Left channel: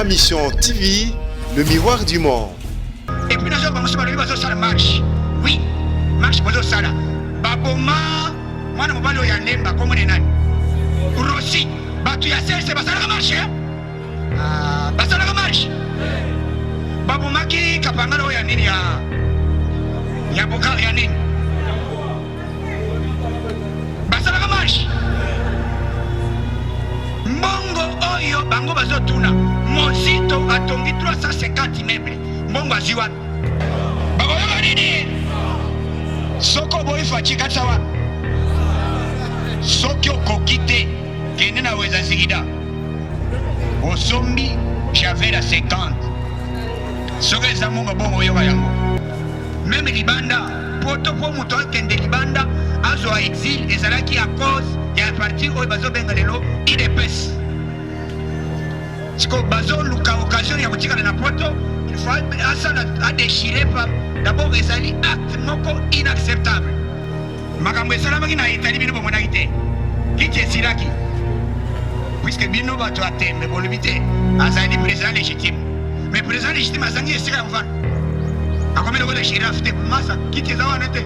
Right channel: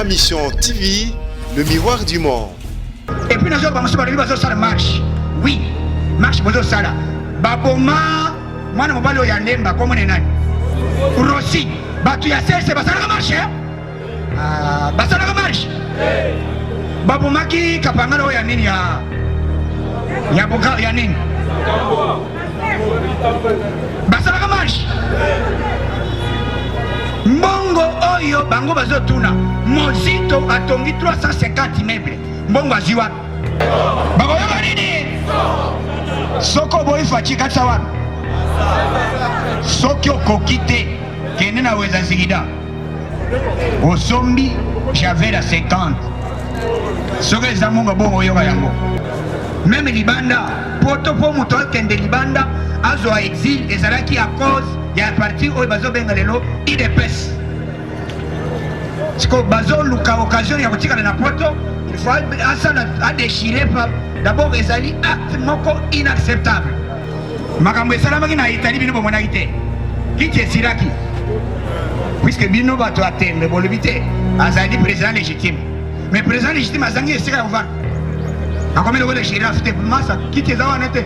Ma Mission TV, le miroir du monde. Et puis nous avons commencé à marche. Oui, marche pour ça. Baboma, moi je ne vais pas y aller, comme on est là. Rossi, tu y as c'est pas ça la marche. Pas ça la marche. Baboma qui kapangalo ya nini ya boka ya nini. Pas ça la marche. Mbongo oyo bango bazotuna Mozito atongi 350 mètres mbongo aziwa bakoyoka nini soko boyi faci katsa wana soki okoki te kende na weza nzikida osombi javel à 50 soki eza mbongo bongo oyoka yango meme libanda poto po moto akende libanda azwa exil ezalaki à cause ya parti oyo bazobenga lelo IDPS siko bazoluka occasion ya kotikala na poto il faut asala adéchirer pa d'abord ezali acte moko inacceptable makambo esalamaki na Italie bino bomonaki te kiti esiraki puisque bino bato atembe bolobi te azali président légitime mais président légitime azangi esika ya kovanda akomeli kode shirafe te masa kiti eza wana te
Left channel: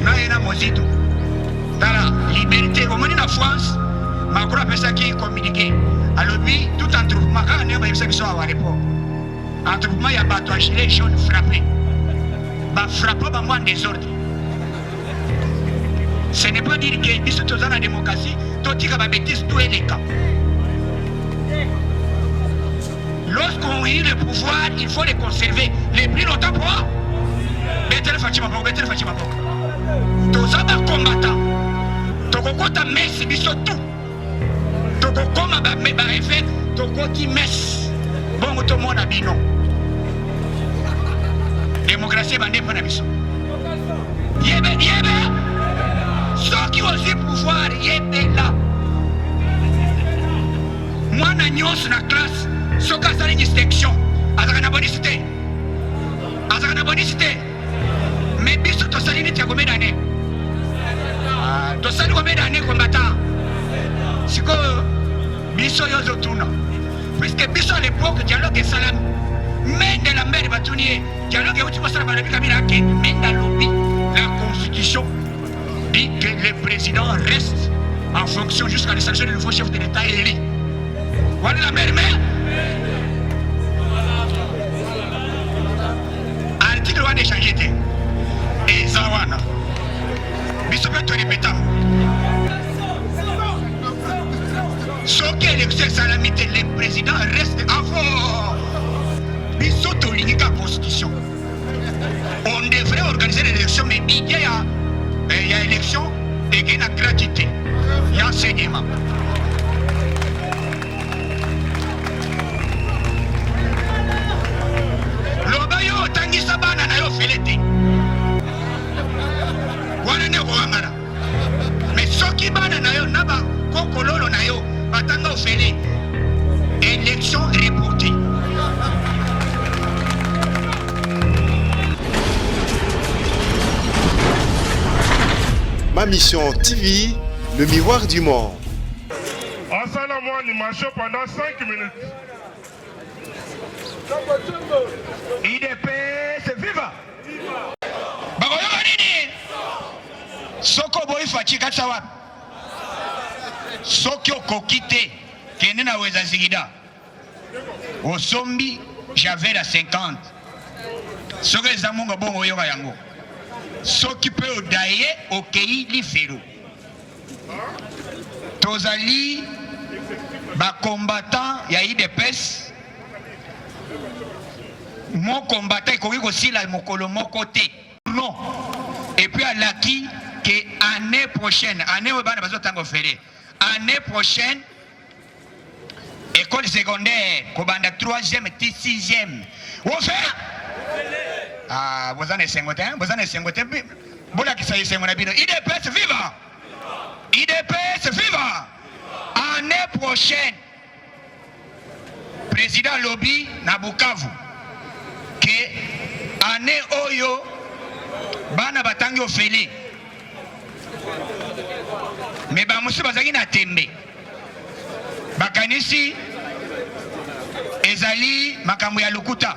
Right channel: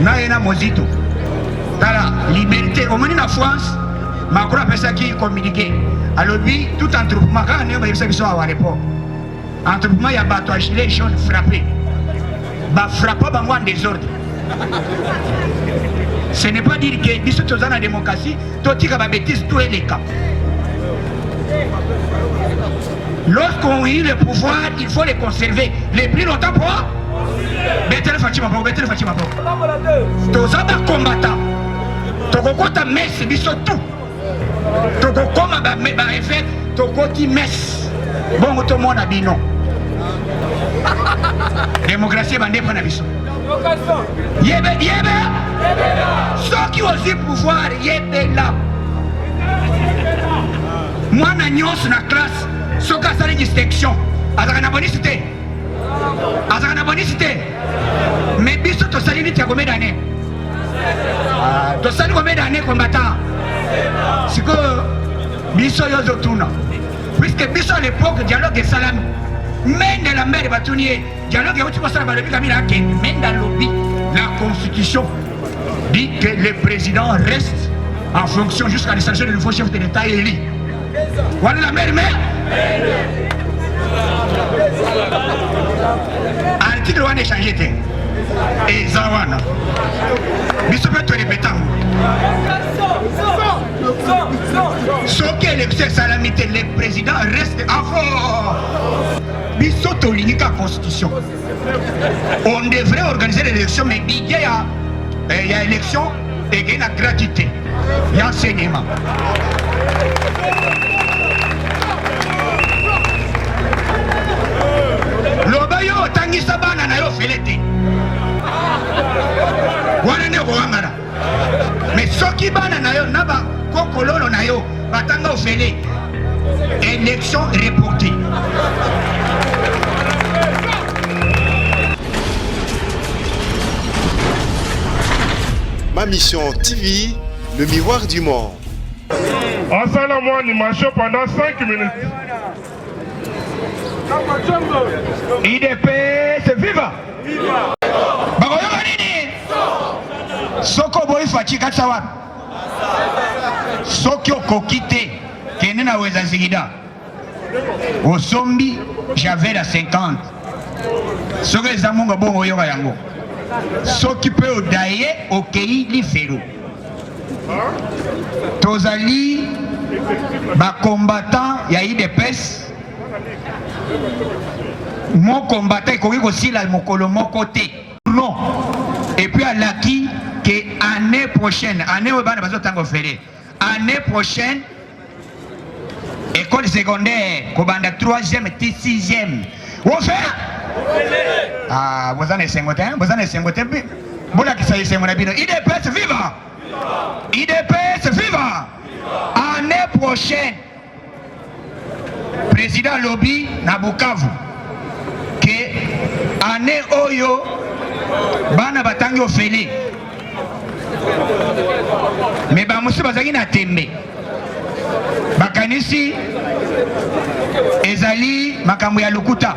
naye na Mozito tala liberté omoni na France Macron apesaki communiqué alobi tout entrepreneur kaka ndenge bayebisa biso awa report entrepreneur ya bato ya gilet jaune frappé bafrappa bango en désordre. Ce n'est pas dire que biso toza na démocratie totika babétise tout eleka. Lorsqu'on a eu le pouvoir, il faut les conserver le plus longtemps pour Betel Fatima Pro, Betel Fatima Pro. Toza ba combattant. Tokokota messe biso tout. Tokokoma ba effet, tokoti messe. Bongo to mona bino. Démocratie bande pas na biso. Yebe. Ceux qui ont le pouvoir, yebe là. Moi na nyos na classe, ceux qui ont une distinction, azaka na bonicité. Mais biso to sali ti combien d'années? To sali combien d'années combattant? Siko biso yozo tuna. Puisque biso à l'époque dialogue salam. Mais de la mer batunier, dialogue où tu passes la balobi kamila ke menda lobby la constitution dit que le président reste en fonction jusqu'à l'installation du nouveau chef de l'État élu. Voilà la mer. Article 1 échangé. Et Zawana. Biso peut te répéter. Sauf que l'élection salamité, le président reste en force. Biso to l'unique constitution. On devrait organiser l'élection, mais il y a élection et il y a gratuité. Il y a enseignement. Lobayo tangisa bana na yo felete. Wana ne wangara. Mais soki bana na yo naba kokololo na yo batanga ofele. Élection reportée. Ma Mission TV, le miroir du monde. Ensemble, moi, animation pendant 5 minutes. IDPS viva! Bakoyoka nini? Soko boyi faci katsa wana. Soki okoki te kende na weza nzikida osombi javel à 50 soki eza mbongo bongo oyoka yango soki mpe odaye okei lifelo tozali bacombattant ya IDPS mon combattant ekoki kosila mokolo moko te non et puis alaki que année prochaine année oyo bana bazotanga ofele année prochaine école secondaire kobanda 3e et 6e ofele bozana esengo te bolakisa esengo na bino IDPS viva IDPS viva année prochaine président lobby na Bukavu que année oyo bana batangi ofele mais bamosusu bazalaki na tembe bakanisi ezali makambo ya lukuta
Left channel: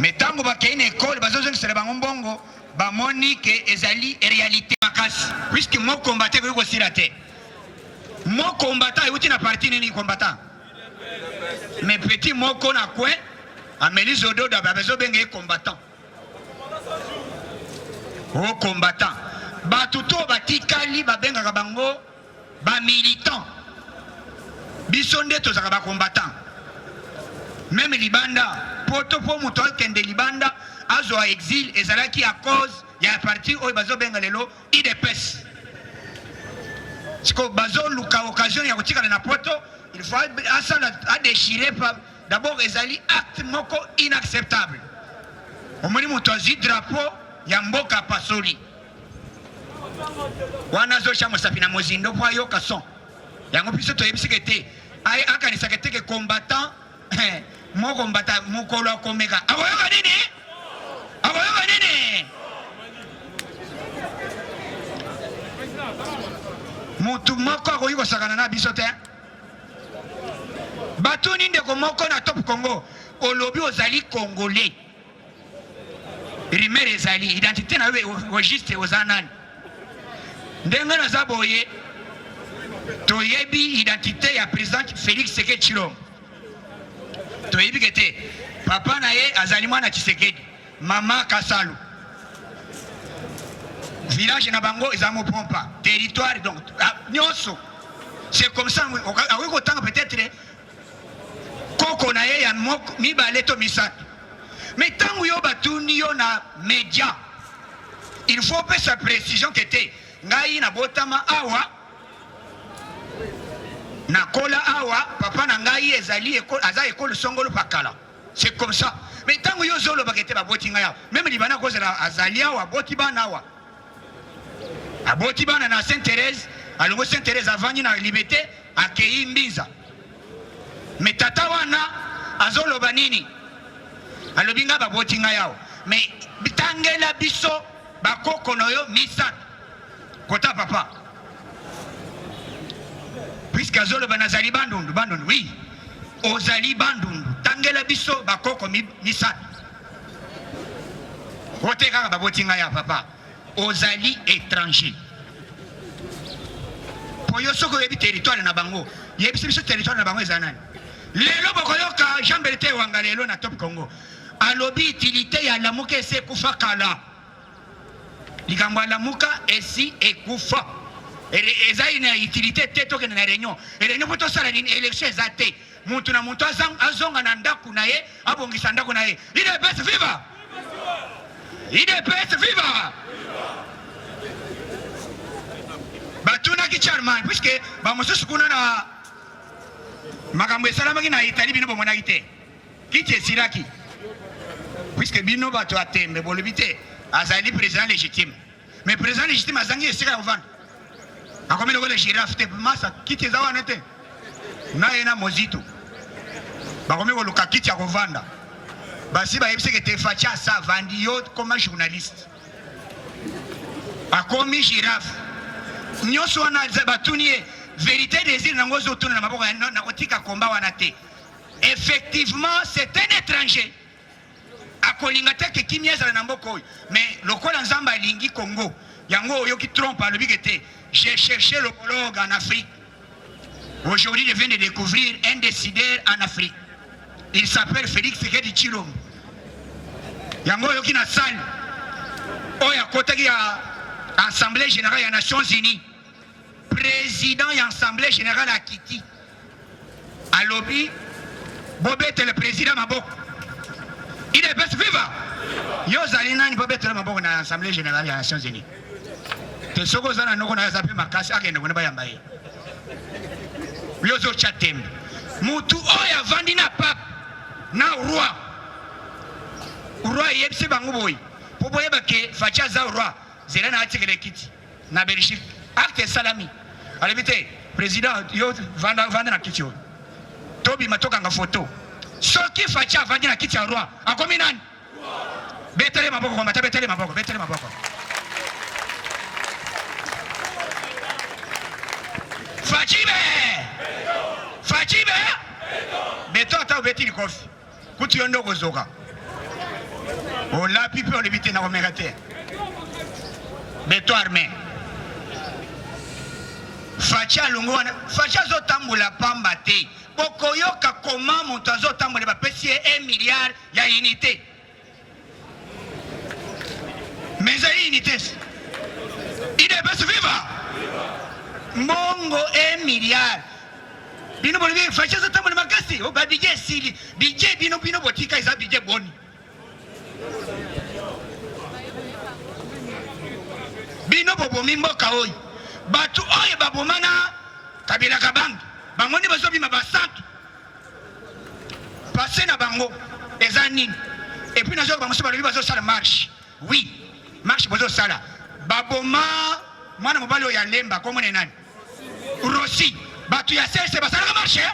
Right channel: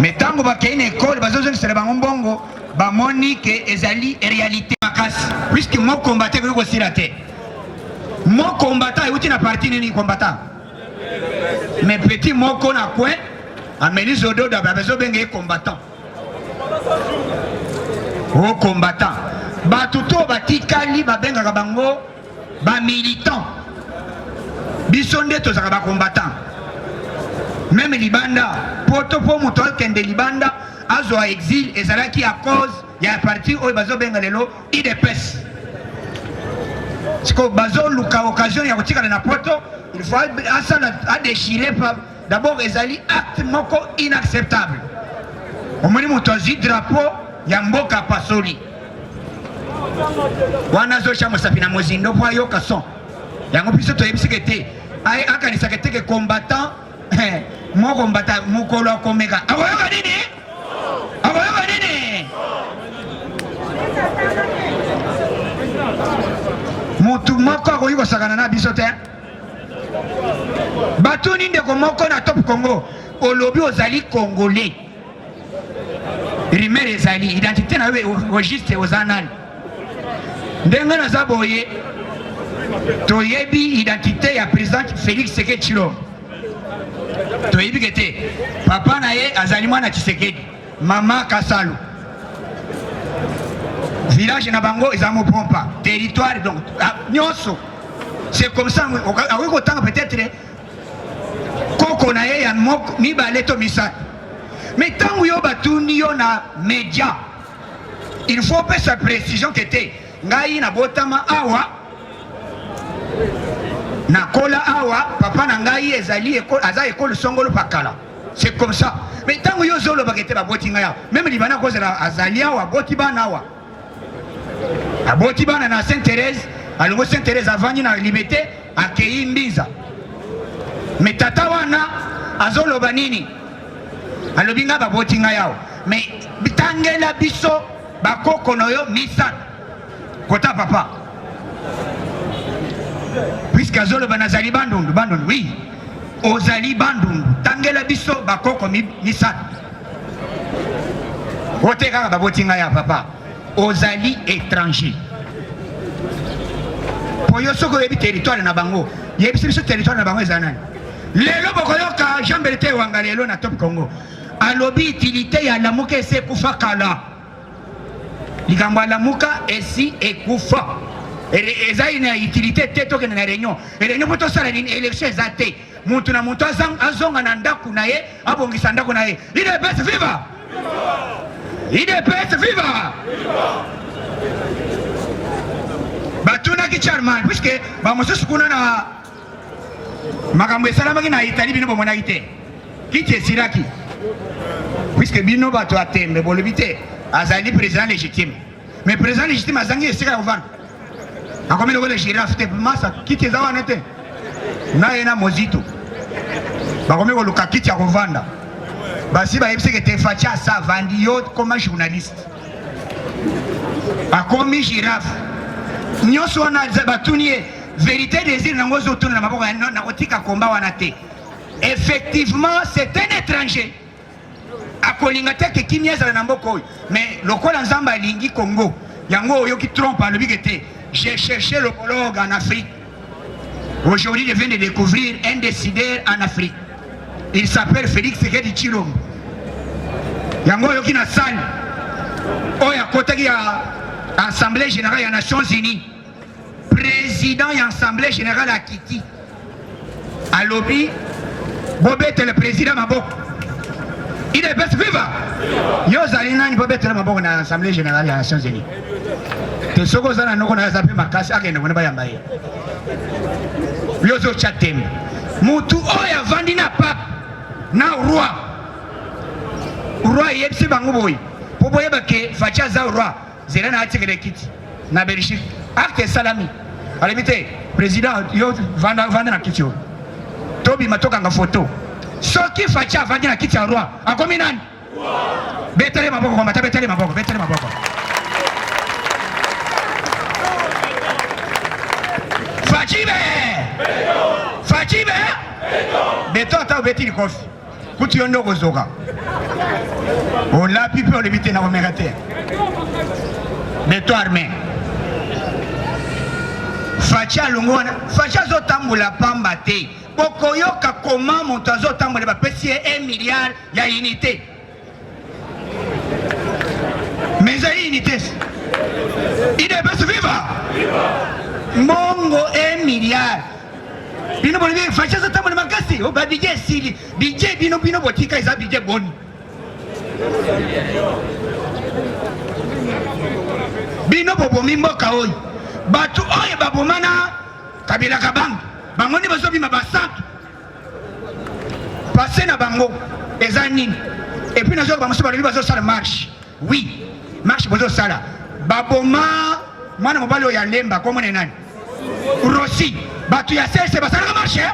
mais ntango bakei na ekole bazozongisela bango mbongo bamoni ke ezali réalité makasi puisque mo combattant koki kosila te mo combattant euti na parti nini combattant mais petit moko na coin ameni zododo babezobenga ye combattant o combattant bato to batikali babengaka bango bamilitant biso nde tozalaka bacombattant même libanda poto po moto akende libanda azwa exil ezalaki à cause ya parti oyo bazobenga lelo idps siko bazoluka occasion ya kotikala na poto il faut asala adéchiré pa d'abord ezali acte moko inacceptable omoni moto azwi drapeau ya mboka pasoli wana azosha mosapi na mozindo po ayoka son yango biso toyebisike te akanisaka te ke combattant mo combattant mokolo akomeka akoyoka nini akoyoka nini mutu moko akoki kosakana na biso te batuni ndeko moko na top congo olobi ozali congolais rimere ezali identité na yo registre oza nani ndenge naza boye toyebi identité ya président Félix Tshisekedi Tshilombo toyebi ke te papa na ye azali mwana Tshisekedi mama Kasalo village na bango eza mopompa territoire donc nyonso c'est comme ça akoki kotanga peut-être koko na ye ya mibale to misato mais ntango yo batuni yo na média il faut pesa précision ke te ngai na botama awa nakola awa papa na ngai ezali aza ekole songolo pakala c'est comme ça mais ntango yo zoloba ke te baboti ngai awa même libana kozala azali awa aboti bana awa aboti bana na Sainte-Thérèse alongo Sainte-Thérèse avandi na liberté akei mbinza mais tata wana azoloba nini alobi nga baboti ngai awa mais bitangela biso bakoko na yo misato kota papa puisque azoloba nazali bandundu oui ozali bandundu tangela biso bakoko misato ote kaka baboti ngai ya papa ozali étranger po yo soko oyebi territoire na bango yebisi biso territoire na bango eza nani lelo bokoyoka Jean Bertin Wanga lelo na top Congo alobi utilité ya lamuka esi ekufa kala likambo ya lamuka esi ekufa eza ina utilité te tokende na réunion po tosala nini élection eza te mutu na mutu azonga na ndako na ye abongisa ndako na ye idps viva idps viva batunaki charman puisque bamosusu kuna na makambo esalamaki na Italie bino bomonaki te kiti esiraki puisque bino bato ya tembe bolobi te azali président légitime mais président légitime azangi esika ya kovanda akomi lokola girafe te masa kiti eza wana te na ye na mozito bakomi koluka kiti ya kovanda basi bayebiseke te faci asa avandi yo koma journaliste akomi girafe nyonso wana batuni ye vérité désir nango ozotuna na maboko na kotika komba wana te effectivement c'est un étranger akolinga te ke kimia ezala na mboka oyo mais lokola nzambe alingi Congo yango oyoki trompe alobi ke te j'ai cherché l'homologue en Afrique aujourd'hui je viens de découvrir un décideur en Afrique il s'appelle Félix Tshisekedi Tshilombo yango oyoki na sali oyo akotaki ya Assemblée générale ya Nations Unies président ya Assemblée générale à Kiti alobi bobete le président maboko il est best viva yo zali nani bobete le maboko na Assemblée générale ya Nations Unies te soko zana noko na zape makasi akende kona bayamba ye yo zo chatem mutu oya vandi na pap na roi yepsi bango boy po boyeba ke facha za roi zela na atikele kiti na Belgique acte salami alimite président yo vanda na kiti yo tobi matoka nga photo soki facha vandi na kiti ya roi akomi nani betele maboko kwa mata betele maboko Fachibe beton ata obeti likofi kutu yo nde okozoka olapi mpe olebi te na komeka te beton armé faci alongo wana faci azotambola pamba te bokoyoka koma moto azotambola bapesi ye 1 milliard ya unité mais ezali unité idps viva mbongo 1 milliard bino bolobi faci azotambola makasi o babidje esili bidje bino botika eza bidje boni bino bobomi mboka oyo bato oyo babomana kabila kabango bango nde bazobima basantu pase na bango eza nini epuis nazoyoka bamosusu balobi bazosala marche oui marche bozosala baboma mwana mobali oyo alemba komone nani rosi bato ya sese basalaka marche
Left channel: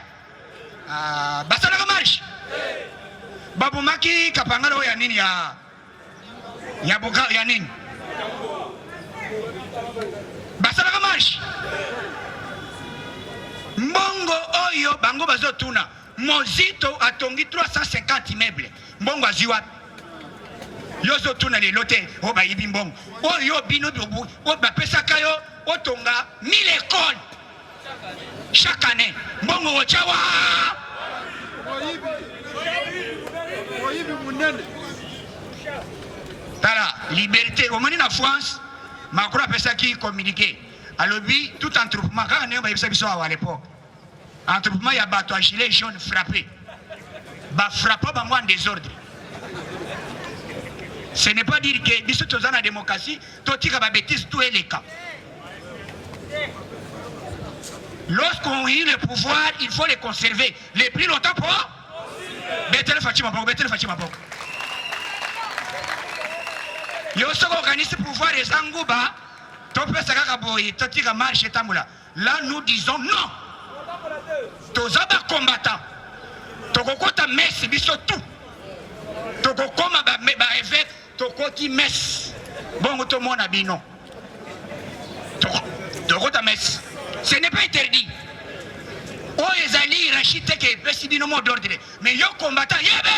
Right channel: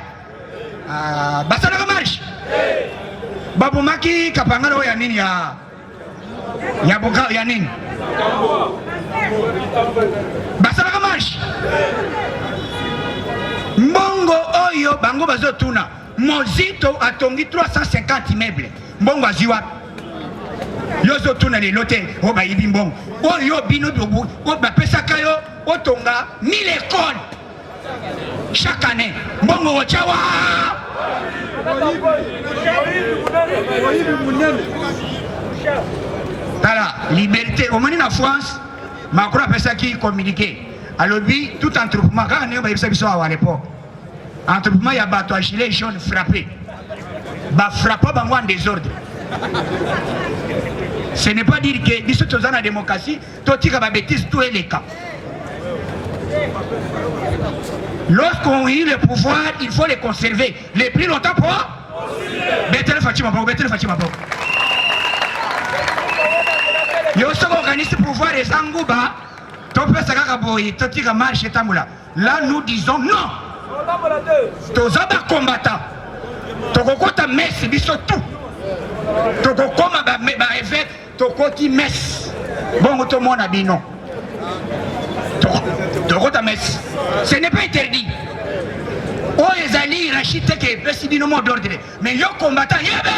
basalaka marche babomaki kapangala oyo ya nini ya boka ya nini basalaka marche mbongo oyo bango bazotuna mozito atongi 350 meubles mbongo aziwa yo ozotuna lelo te oyo bayibi mbongo oyo bino oyo bapesaka yo otonga 1000 écoles chaque année mbongo otyawa tala liberté omoni na France Macron apesaki communiqué alobi tout entrepreneur kaka ndenge bayebisa biso awa à l'époque entrepreneur ya bato ya gilet jaune frappé bafrappa bango en désordre ce n'est pas dire que biso toza na démocratie totika babétise tout eleka lorsqu'on a eu le pouvoir il faut les conserver le plus longtemps pour betele Fatima Boko yo soko organise pouvoir ezanguba topesa kaka boye totika marche etambola là nous disons non toza bacombattant tokokota messe biso tout tokokoma baevêque tokoti messe bongo tomona bino tokota messe ce n'est pas interdit oyo ezali hiérarchie te ke epesi bino mot d'ordre mais yo combattant yebe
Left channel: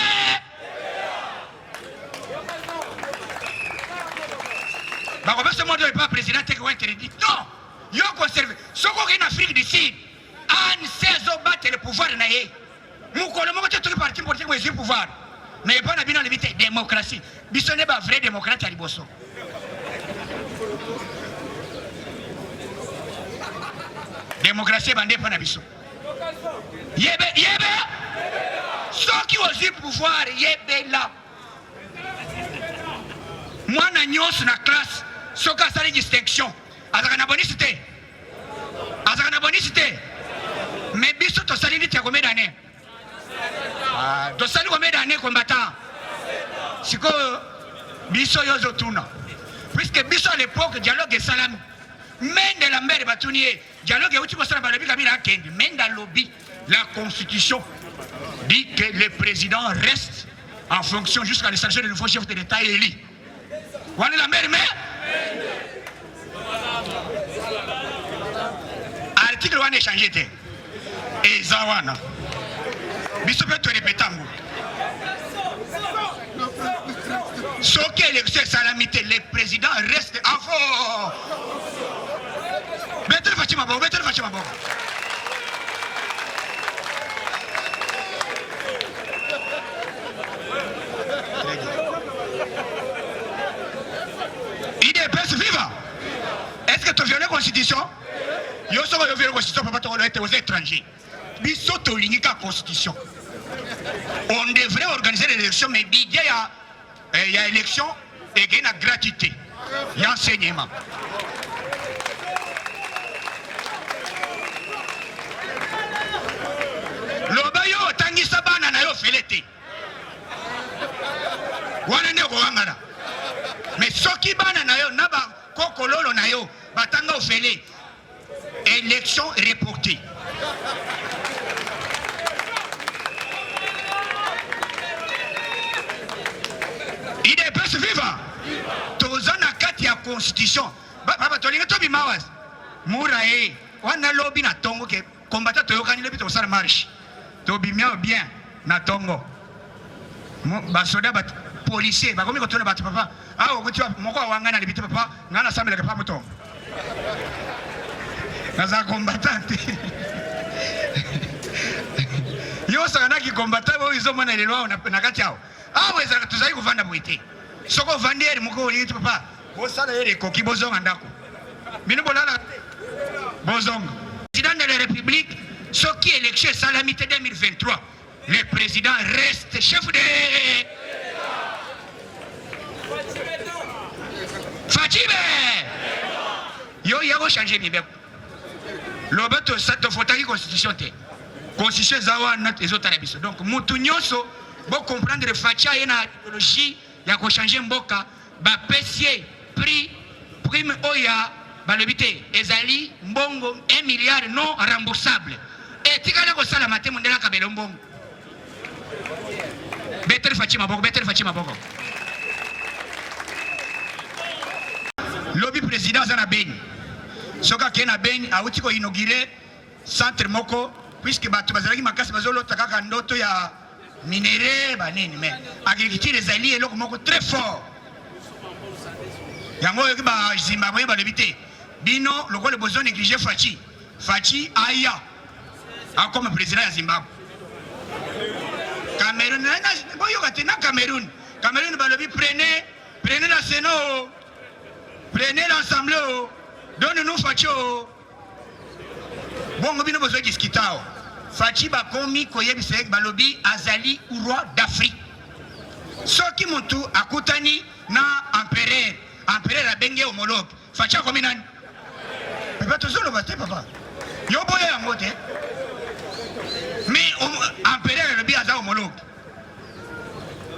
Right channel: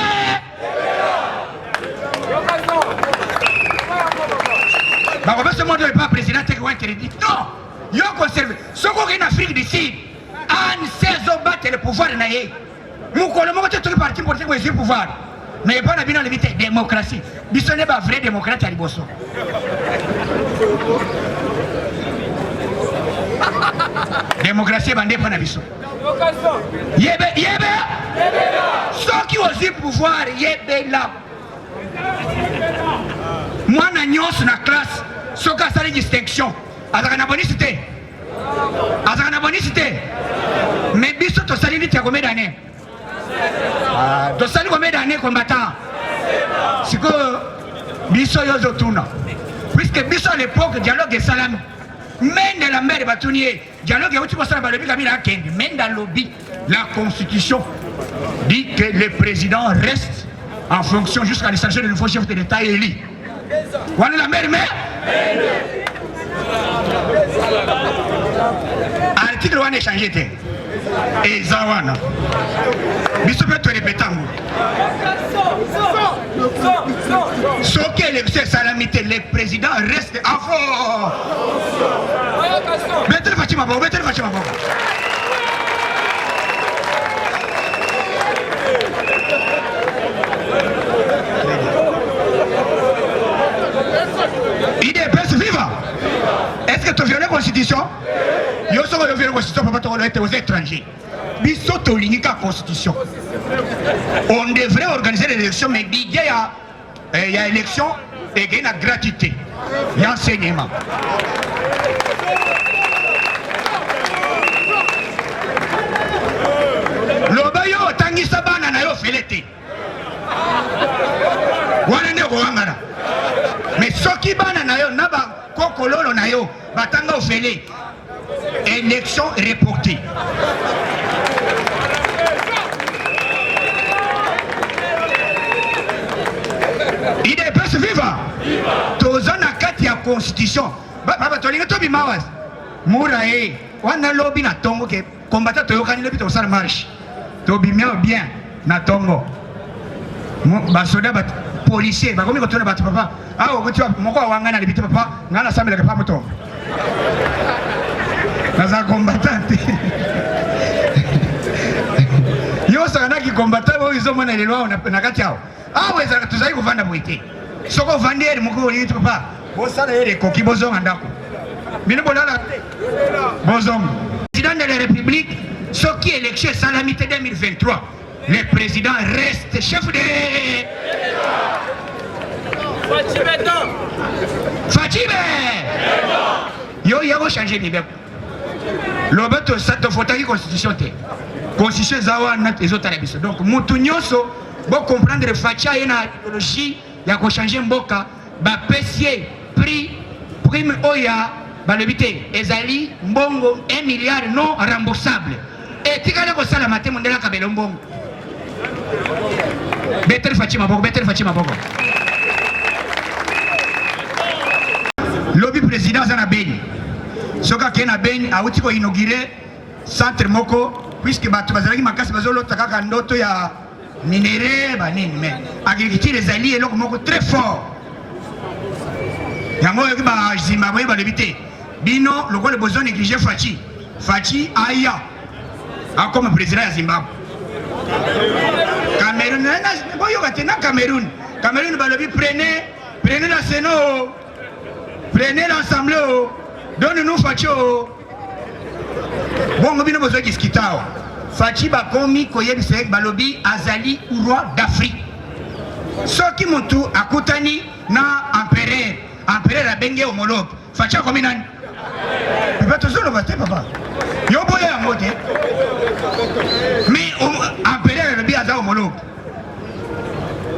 bakopesa mot d'ordre pa président te ke interdit non yo conserve sokoki na Afrique du Sud anse azobattre le pouvoir na ye mokolo moko te toki parti politique bo ezwi pouvoir mais epa na bino alobi te démocratie biso nde bavrai démocrate ya liboso démocratie ebande epa na biso yebe soki ozwi pouvoir yebela mwana nyonso na classe soki asali distinction azalaka na bonisi te mais biso tosali niti ya combien d'année tosali combien d'année combattant sikoyo biso yo ozotuna puisque biso à l'époque dialogue esalami mende la mère batuni ye dialogue euti kosala balobi kabila akende mende alobi la constitution dit que le président reste en fonction jusqu'à l'installation du nouveau chef de l'État élu wana la mère article wana échangé te eza wana biso mpe torepeta ngo soki élection esalami te le président reste avant betele Fatima Boko IDPS viva est-ce que tu violais la constitution yo soko yo violais la constitution papa tokolo ete aux étrangers biso tolingi ka constitution on devrait organiser l'élection mais budget ya élection et na gratuité ya enseignement loba yo otangisa bana na yo fele te wana nde kowangana mais soki bana na yo na bakokololo na yo batanga ofele élection reportée IDPS viva toza na kati ya constitution baba tolingi tobima wazi mura ye wana lobi na tongo ke combattant toyokani lobi tosala marche tobimia bien na tongo basoda bat policier bakomi kotona bato papa awo kuti moko awanga na libite papa ngana sambela ka pamoto kaza combattant yo sanga ki combattant bo izo mona lelo na kati yao awo ezaka tuzali kuvanda boite soko vandere moko yito papa bo sala yele koki bozonga ndako bino bolala bozonga président de la République Soki élection salamité 2023 le président reste chef de Fatime yo yako changer bibeko lobeto sato fotaki constitution te constitution zawa na ezota na biso donc mutu nyonso bo comprendre facha ina idéologie ya ko changer mboka ba pesier prime oya balobité ezali mbongo 1 milliard non remboursable et tikala ko sala maté mondela kabelo mbongo better Fatima boko lobby président zana Beni soka kena Beni awuti ko inaugurer centre moko puisque bato bazalaki makasi bazolota kaka ndoto ya minéré banini mais agriculture ezali eloko moko très fort yango yoki ba Zimbabwe balobité bino lokole besoin négliger Fachi aya comme président ya Zimbabwe Cameroun boyo katena Cameroun balobi prenez la Sénat prenez l'Assemblée donne-nous Fachi bongo bino besoin kiskitao Fachi bakomi koyebisa balobi azali roi d'Afrique soki mutu akutani na empereur abenge homologue Fachi akomi nani peut toujours le battre papa yo boya yango te mais empereur alobi aza homologue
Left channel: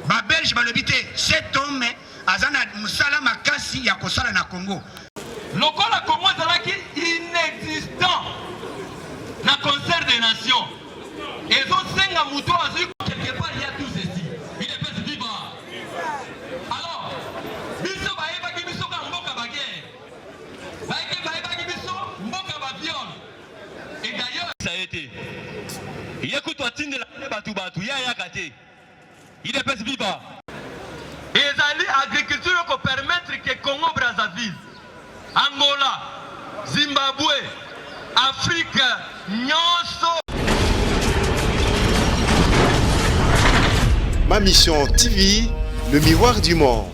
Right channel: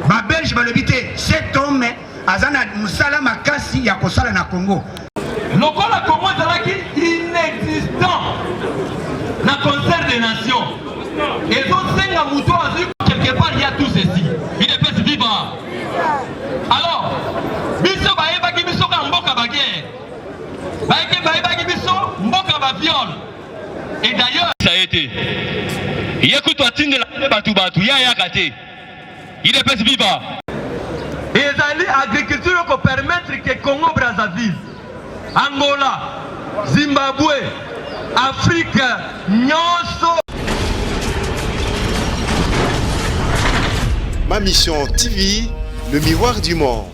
ba belge balobi te cet homme azana musala makasi ya kosala na Congo lokola Congo ezalaki inexistant na concert des nations ezosenga mutu azwi quelque part il y a tout ceci UDPS viva alors biso bayebaki biso ka mboka baguerre bayebaki biso mboka ba viol et d'ailleurs ça a été yekuto atindela batu ya kate UDPS viva ezali agriculture ko permettre que Congo Brazzaville Angola Zimbabwe Afrique nyonso. Ma mission TV, le miroir du monde.